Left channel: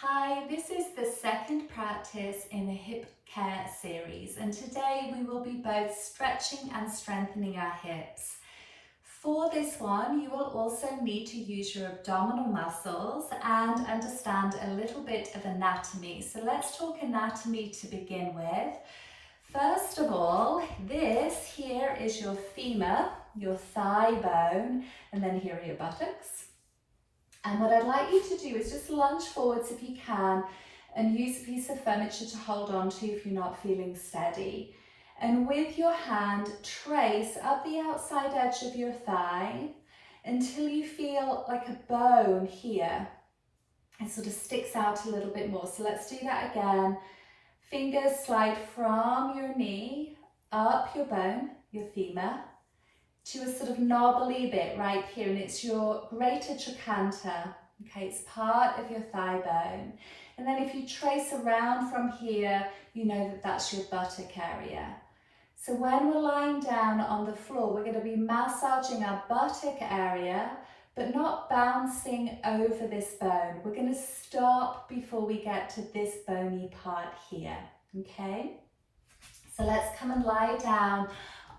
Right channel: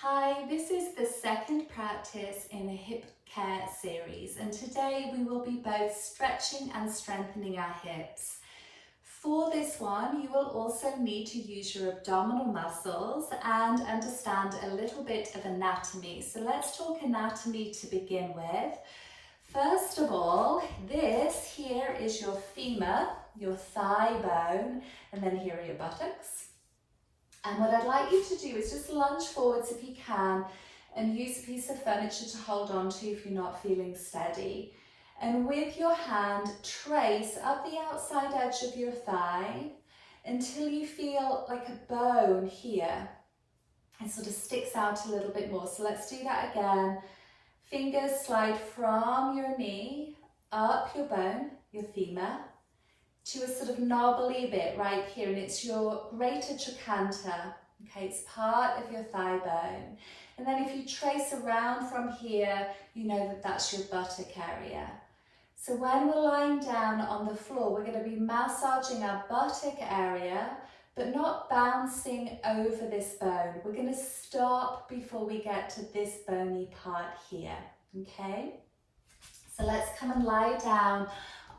Hi, this is the second practice in the hip care series, and today we will be both stretching and strengthening our hips. For this one, you will also need to use your abdominal muscles and understand a little bit of anatomy. So let's talk anatomy to begin with. First of all, this here is your femur, your thigh bone, and then here are your buttocks. And what I'd like you to do is just lunge forwards if you can and use a piece of furniture to hold on to if you're not feeling steady. And with your hand, trace up the outside edge of your thigh until you feel like a bone here. It sort of sticks out a little bit more. So let's do that again. Fingers slide from your knee, up your bone, your femur, to a sort of knobbly bit right here, and it's your greater trochanter. Okay, it's part of your thigh bone. And then if you trace around from here, you know that that's your buttock area. So when we're lying down on the floor, we're going to be massaging our buttock area, but not bouncing over this bone. We're going to stop before we get to this bony part here. Okay, so let's come and lie down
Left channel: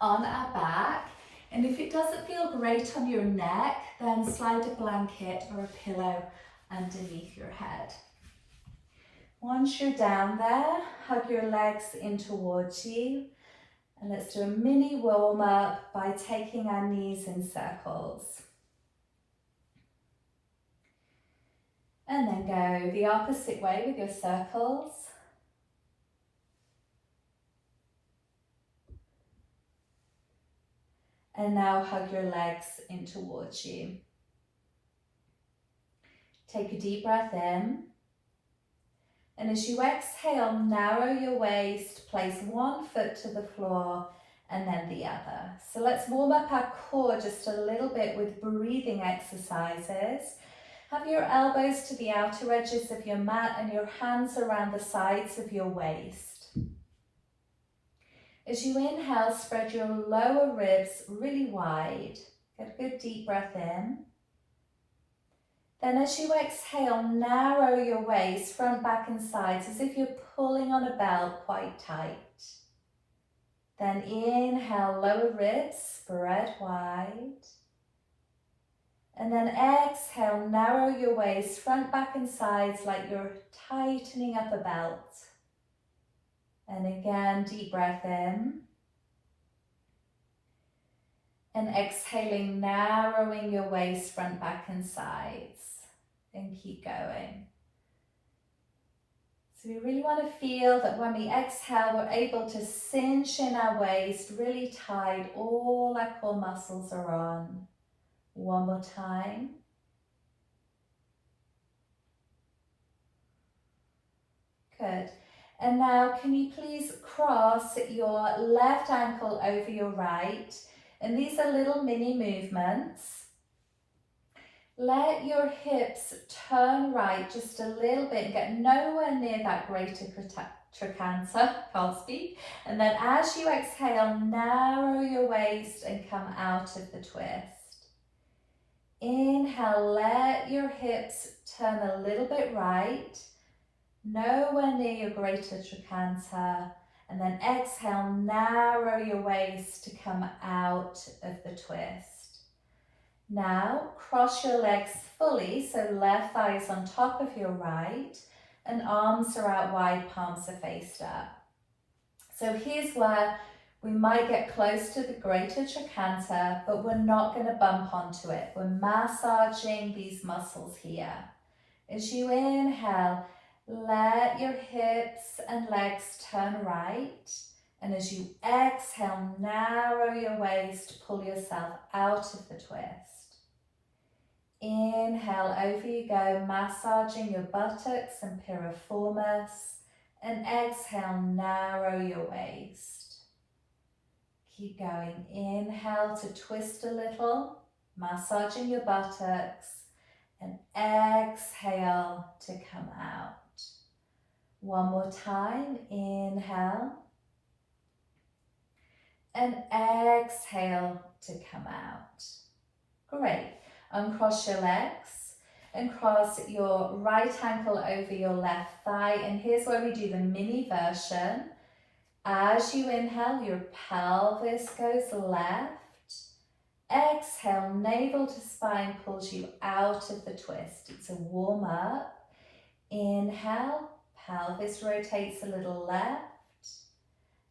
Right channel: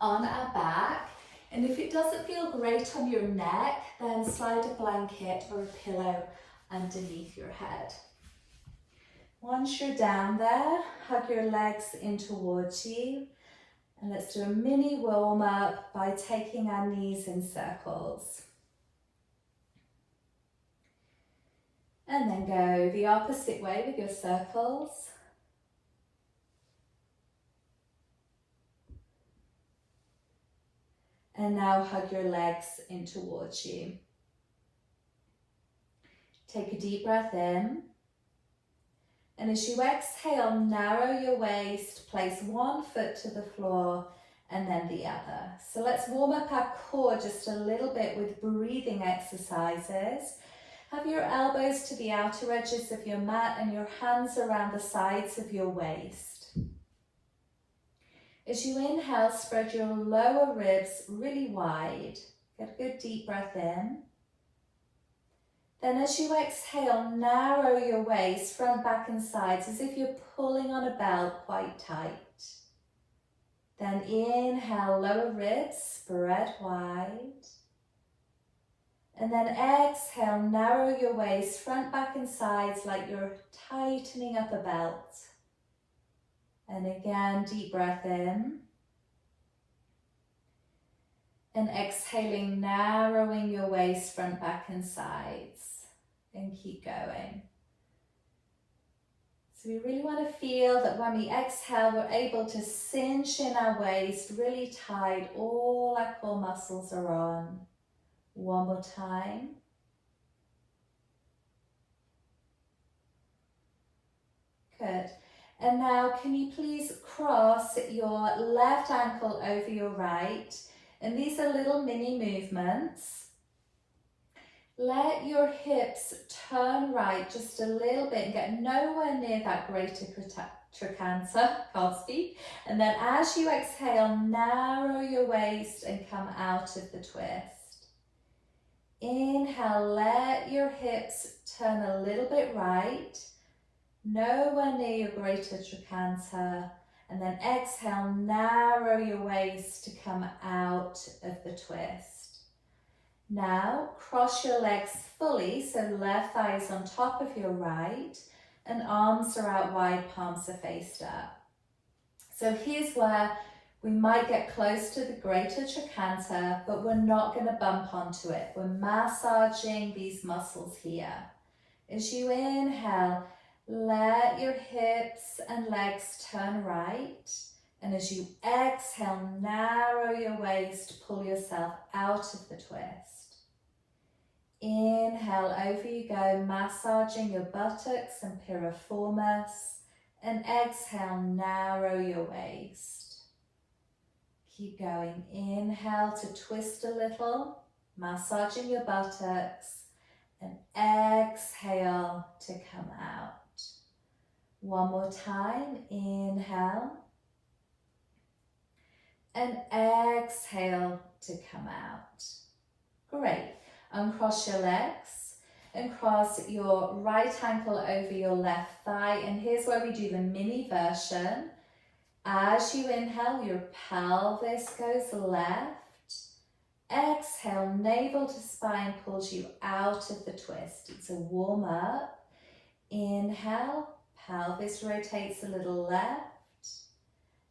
on our back. And if it doesn't feel great on your neck, then slide a blanket or a pillow underneath your head. Once you're down there, hug your legs in towards you. And let's do a mini warm up by taking our knees in circles. And then go the opposite way with your circles. And now hug your legs in towards you. Take a deep breath in. And as you exhale, narrow your waist, place one foot to the floor and then the other. So let's warm up our core just a little bit with breathing exercises. Have your elbows to the outer edges of your mat and your hands around the sides of your waist. As you inhale, spread your lower ribs really wide. Get a good deep breath in. Then as you exhale, narrow your waist, front, back and sides, as if you're pulling on a belt quite tight. Then inhale, lower ribs, spread wide. And then exhale, narrow your waist, front, back and sides, like you're tightening up a belt. And again, deep breath in. And exhaling, narrowing your waist, front, back and sides. And keep going. So we really want to feel that when we exhale, we're able to cinch in our waist, really tight. All our core muscles are on. One more time. Good. And now can you please cross your left ankle over your right? And these are little mini movements. Let your hips turn right just a little bit and get nowhere near that greater trochanter, can't speak. And then as you exhale, narrow your waist and come out of the twist. Inhale, let your hips turn a little bit right. Nowhere near your greater trochanter, and then exhale, narrow your waist to come out of the twist. Now cross your legs fully, so left thigh is on top of your right and arms are out wide, palms are faced up. So here's where we might get close to the greater trochanter, but we're not going to bump onto it. We're massaging these muscles here. As you inhale, let your hips and legs turn right, and as you exhale, narrow your waist, pull yourself out of the twist. Inhale, over you go, massaging your buttocks and piriformis, and exhale, narrow your waist. Keep going. Inhale to twist a little, massaging your buttocks, and exhale to come out. One more time, inhale, and exhale to come out. Great, uncross your legs. and cross your right ankle over your left thigh. And here's where we do the mini version. As you inhale, your pelvis goes left. Exhale, navel to spine pulls you out of the twist. It's a warm up. Inhale, pelvis rotates a little left.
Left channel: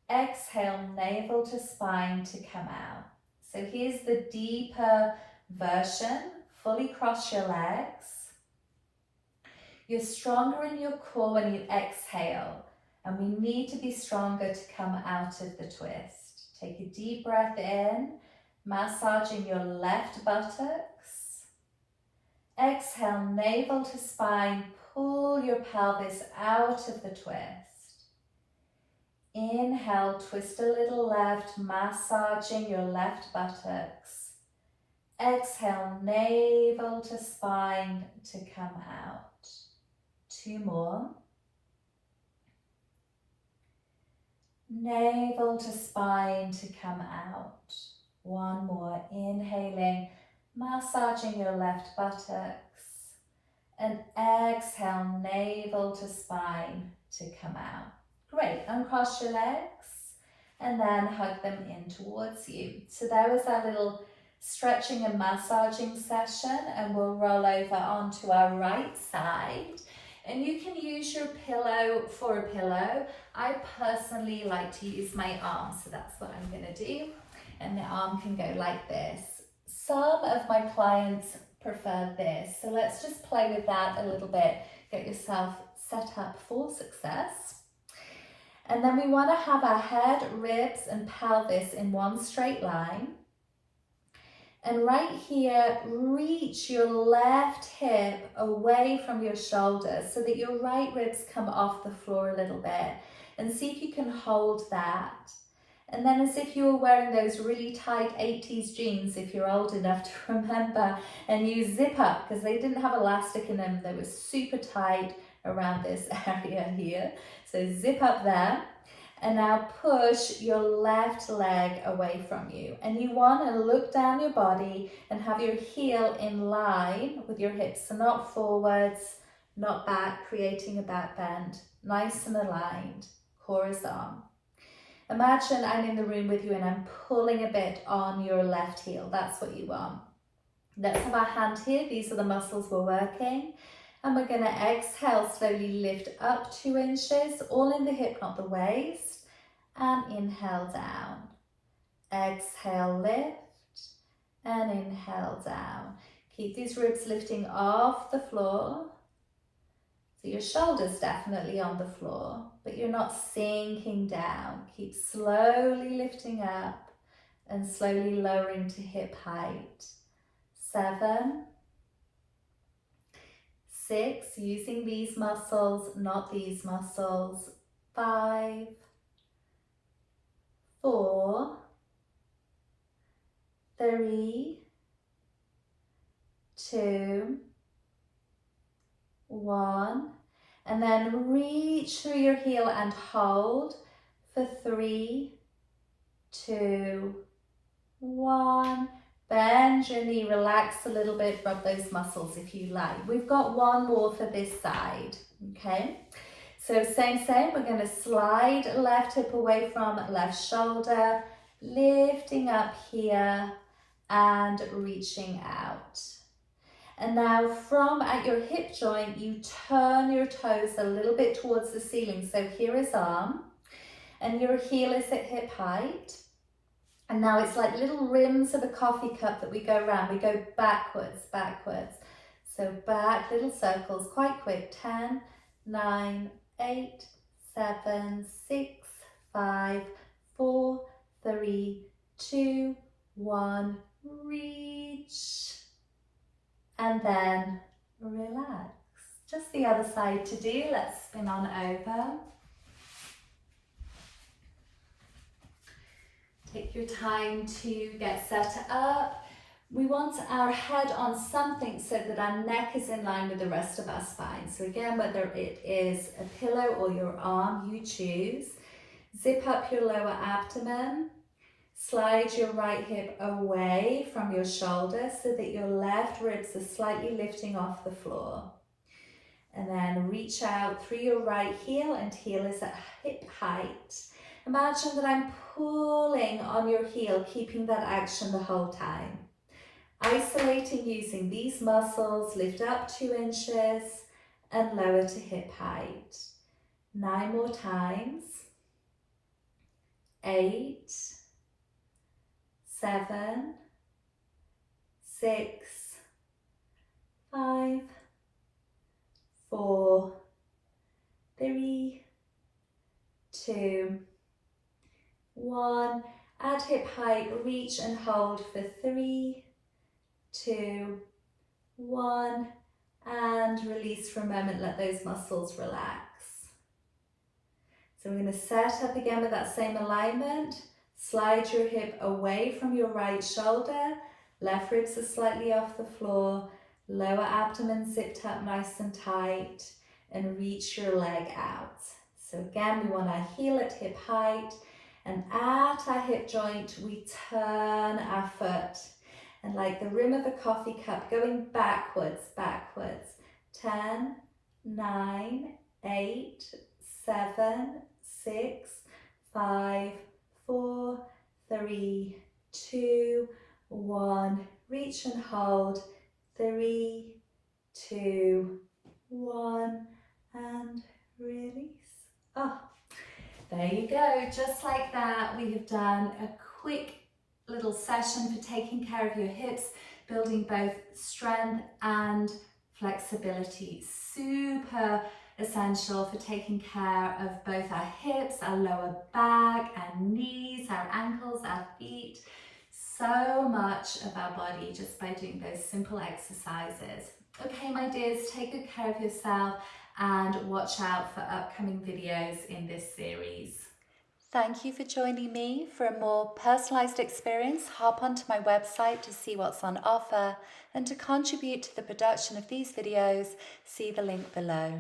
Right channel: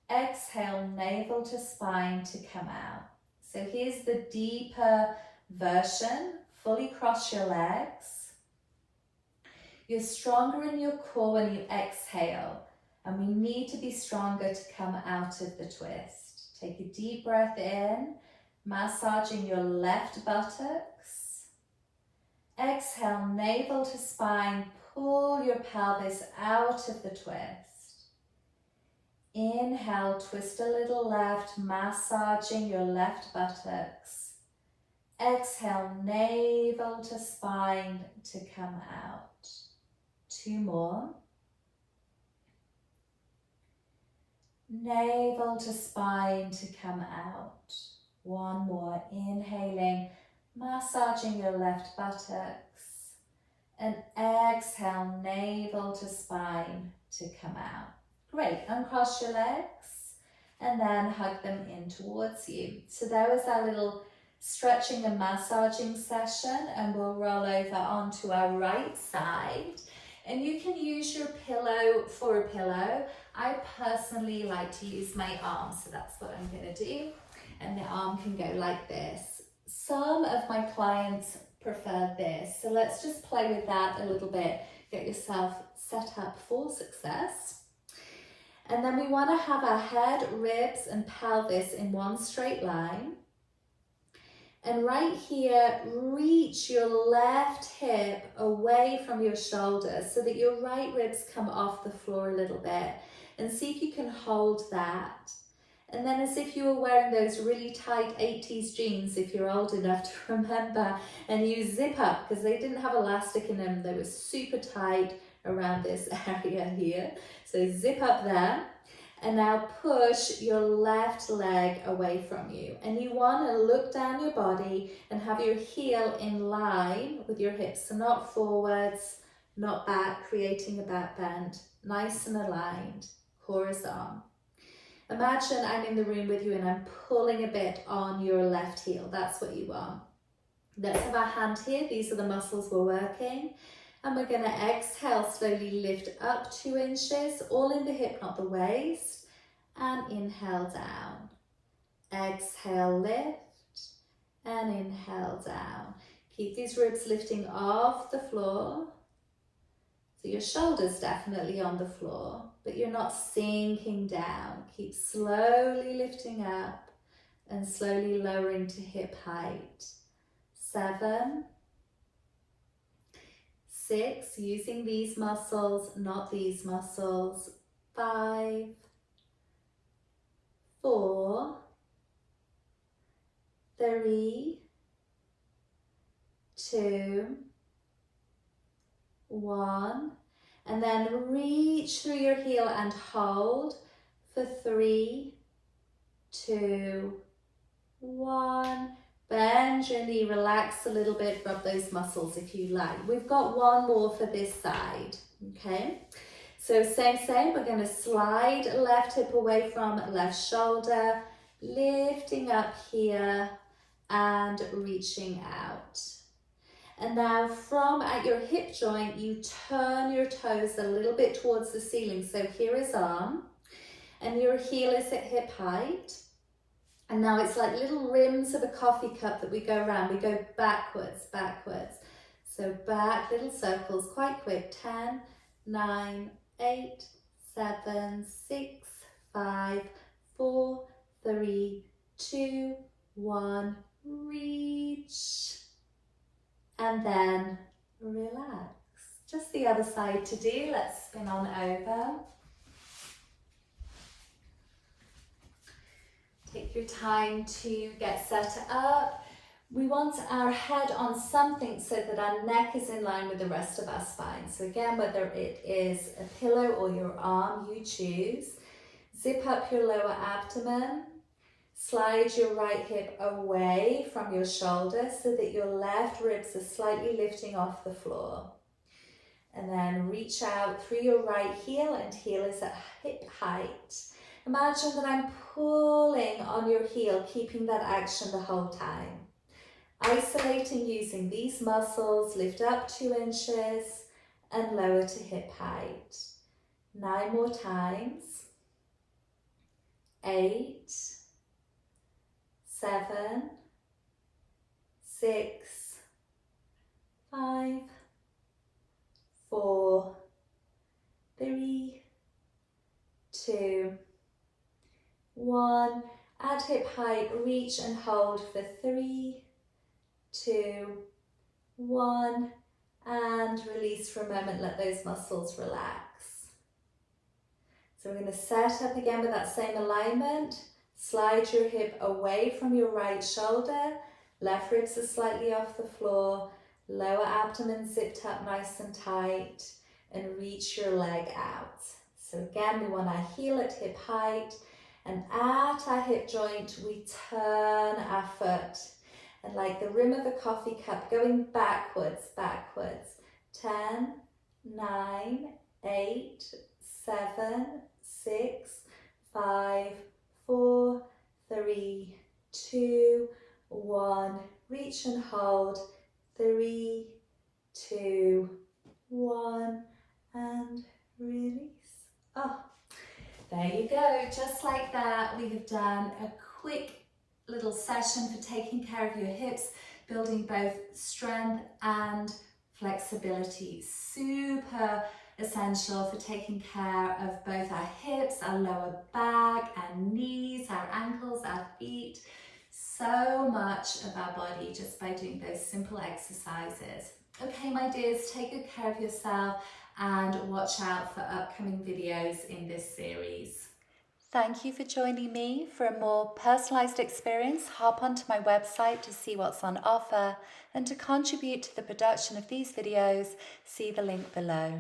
Exhale, navel to spine to come out. So here's the deeper version. Fully cross your legs. You're stronger in your core when you exhale, and we need to be stronger to come out of the twist. Take a deep breath in, massaging your left buttocks. Exhale, navel to spine, pull your pelvis out of the twist. Inhale, twist a little left, massaging your left buttocks. Exhale, navel to spine to come out. 2 more. Navel to spine to come out. 1 more. Inhaling, massaging your left buttocks. And exhale, navel to spine to come out. Great. Uncross your legs and then hug them in towards you. So there was our little stretching and massaging session, and we'll roll over onto our right side. And you can use your pillow for a pillow. I personally like to use my arm, so that's what I'm going to do. And the arm can go like this. Some of my clients prefer this, so let's just play with that a little bit. Get yourself set up for success. And then we want to have our head, ribs, and pelvis in one straight line. And right here, reach your left hip away from your shoulder so that your right ribs come off the floor a little bit. And see if you can hold that. And then as if you were wearing those really tight 80s jeans, if you're old enough to remember, and you zip up, because they didn't have elastic in them, they were super tight around this area here. So zip up there. And now push your left leg away from you. And you want to look down your body and have your heel in line with your hips. So not forwards, not back, creating a back bend. Nice and aligned. Core is on. Imagine I'm in the room with you and I'm pulling a bit on your left heel. That's what you want. Let's have our hand here. These are the muscles we're working. And we're going to exhale, slowly lift up 2 inches, all in the hip, not the waist. And inhale down. Exhale, lift. And inhale down. Keep these ribs lifting off the floor. So your shoulders definitely on the floor, but you're not sinking down. Keep slowly lifting up and slowly lowering to hip height. 7, 6, using these muscles, not these muscles. 5, 4, 3, 2, 1. And then reach through your heel and hold for 3, 2, 1. Bend your knee, relax a little bit, rub those muscles if you like. We've got 1 more for this side, okay? So same, we're going to slide left hip away from left shoulder, lifting up here and reaching out. And now from at your hip joint, you turn your toes a little bit towards the ceiling. So here is arm and your heel is at hip height. And now it's like little rims of a coffee cup that we go around. We go backwards, backwards. So back, little circles, quite quick. 10, 9, 8, 7, 6, 5, 4, 3, 2, 1. Reach. And then relax. Just the other side to do. Let's spin on over. Take your time to get set up. We want our head on something so that our neck is in line with the rest of our spine. So again, whether it is a pillow or your arm, you choose. Zip up your lower abdomen. Slide your right hip away from your shoulder so that your left ribs are slightly lifting off the floor. And then reach out through your right heel, and heel is at hip height. Imagine that I'm pulling on your heel, keeping that action the whole time. Isolating using these muscles, lift up 2 inches and lower to hip height. 9 more times. 8, 7, 6, 5, 4, 3, 2, 1. At hip height, reach and hold for 3, 2, 1, and release for a moment. Let those muscles relax. So we're going to set up again with that same alignment. Slide your hip away from your right shoulder. Left ribs are slightly off the floor. Lower abdomen zipped up nice and tight, and reach your leg out. So again, we want our heel at hip height, and at our hip joint, we turn our foot. And like the rim of a coffee cup, going backwards, backwards. 10, 9, 8, 7, 6, 5, 4, 3, 2, 1. Reach and hold. 3, 2, 1, and release. Oh, there you go. Just like that, we have done a quick little session for taking care of your hips, building both strength and flexibility. Super essential for taking care of both our hips, our lower back, our knees, our ankles, our feet. So much of our body just by doing those simple exercises. Okay, my dears, take good care of yourself and watch out for upcoming videos in this series. Thank you for joining me. For a more personalised experience, hop onto my website to see what's on offer, and to contribute to the production of these videos, see the link below.